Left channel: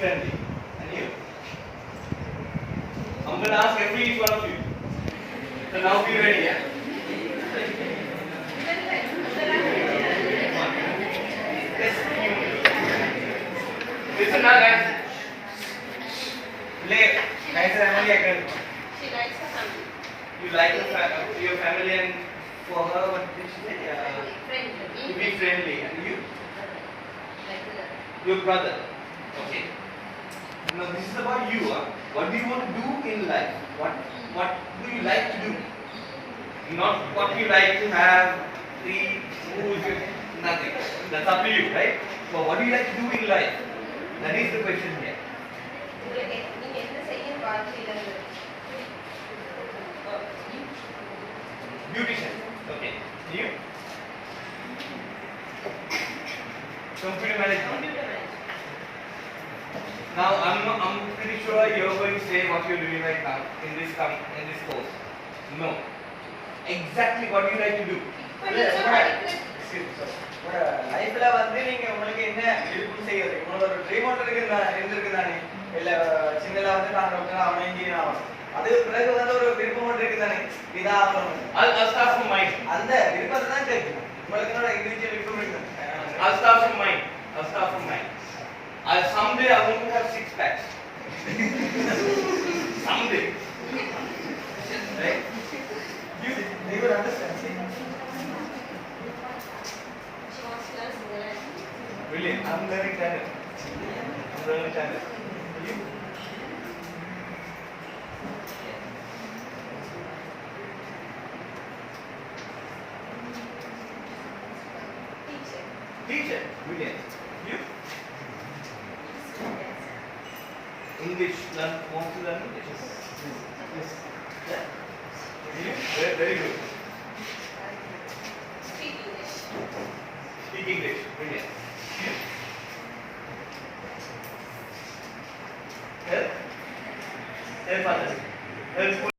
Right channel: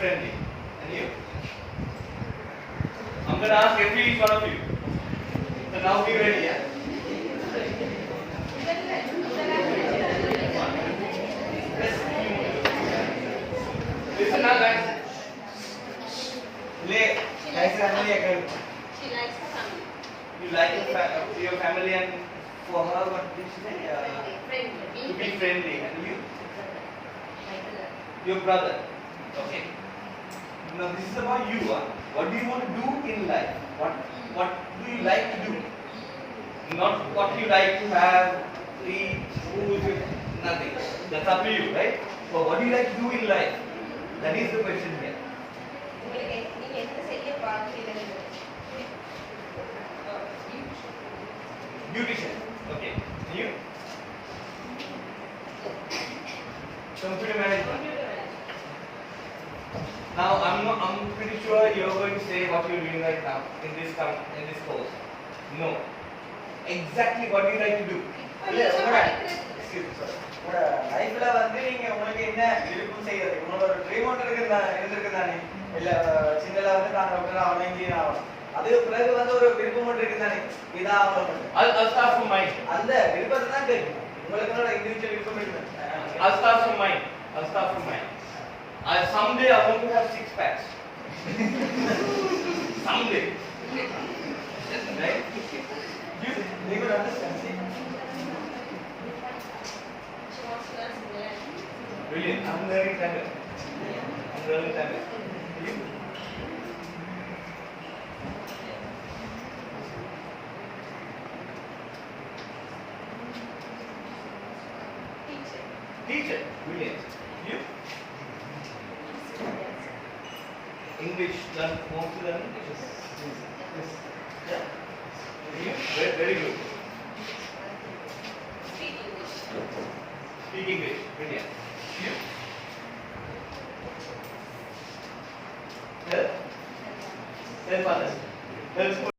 friendly. And you? I'm going to ask every each one of you. So now be ready, yeah? Listen now, guys. Play. Nice family again. She likes her family. You like your family, and for her, what did she say? Friendly. To be friendly. And you? Like Your brother. Okay. Now this is about you. What do you want to do in life? What do you like to do? Not what you like to have, eat, food, nothing. That's up to you, right? But what do you like to do in life? That is the question here. நீங்க என்ன செய்ய வாழ்க்கையில Beautician. Okay. You? Computer management. Now I'm pretty sure you're going to say what you're doing right now in this course. No. Exactly what you like to do. உங்களோட லைஃப்ல வந்து நீங்க உங்களுக்கு என்ன விருப்பம் செய்யறது உங்களோட ஒரு ட்ரீம் ஒன்று இருந்திருக்கு தானே இல்ல சின்னல வந்து நான் டாக்டர் அவன் இன்ஜினியர் ஆகணும் அது பிறகு வந்து ஒரு விருப்பம் ஒன்று இருக்கு தானே இதான் ஆகணும் I'll start from mine. அந்த விருப்பத்தை தான் கேட்கும் உங்களுக்கு என்னோட இண்டிவிஜுவல் விருப்பம் இருக்கு I'll start from mine. Someday I want to have 6 packs. Someday. Right? You will understand. See? she wants to learn English. Brilliant. I'm learning Tamil. You? Teacher. Teacher. Brilliant. You? English. Want to learn? Yes. Yeah. You? Very good. Speak English. Speak English. Brilliant. You? Help. Help others. Help.